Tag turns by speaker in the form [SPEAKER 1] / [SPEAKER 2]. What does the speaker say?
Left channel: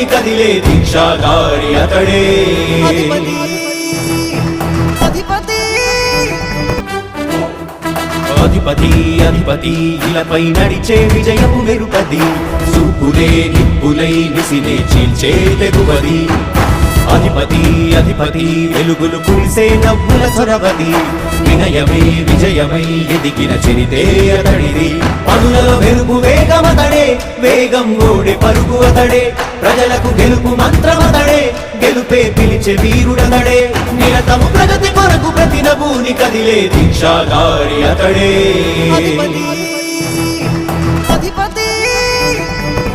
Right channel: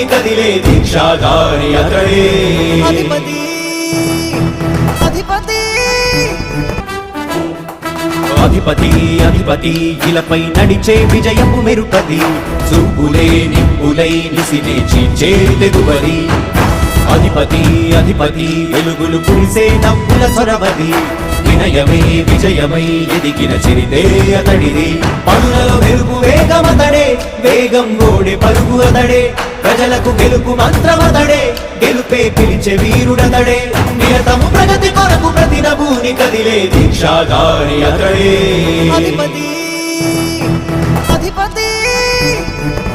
[SPEAKER 1] నభూని కదిలే దీక్షాగారి అతడే.
[SPEAKER 2] అధిపతి అధిపతి.
[SPEAKER 1] అధిపతి అధిపతి ఇలపై నడిచే విజయము మెరుపది చూపులే నిప్పులై నిసినే చీల్చే తెగువది. అధిపతి అధిపతి వెలుగులు పులిసే నవ్వుల చొరవది. వినయమై విజయమై ఎదిగిన చిరితే అతడిది. పనులలో మెరుపు వేగమతడే వేగం ఓడే పరుగు అతడే. మంత్రమతడే గెలుపే వీరుడతడే. నిరతము ప్రగతి కొరకు ప్రతి నభూని కదిలే దీక్షాధారి అతడే.
[SPEAKER 2] అధిపతి అధిపతి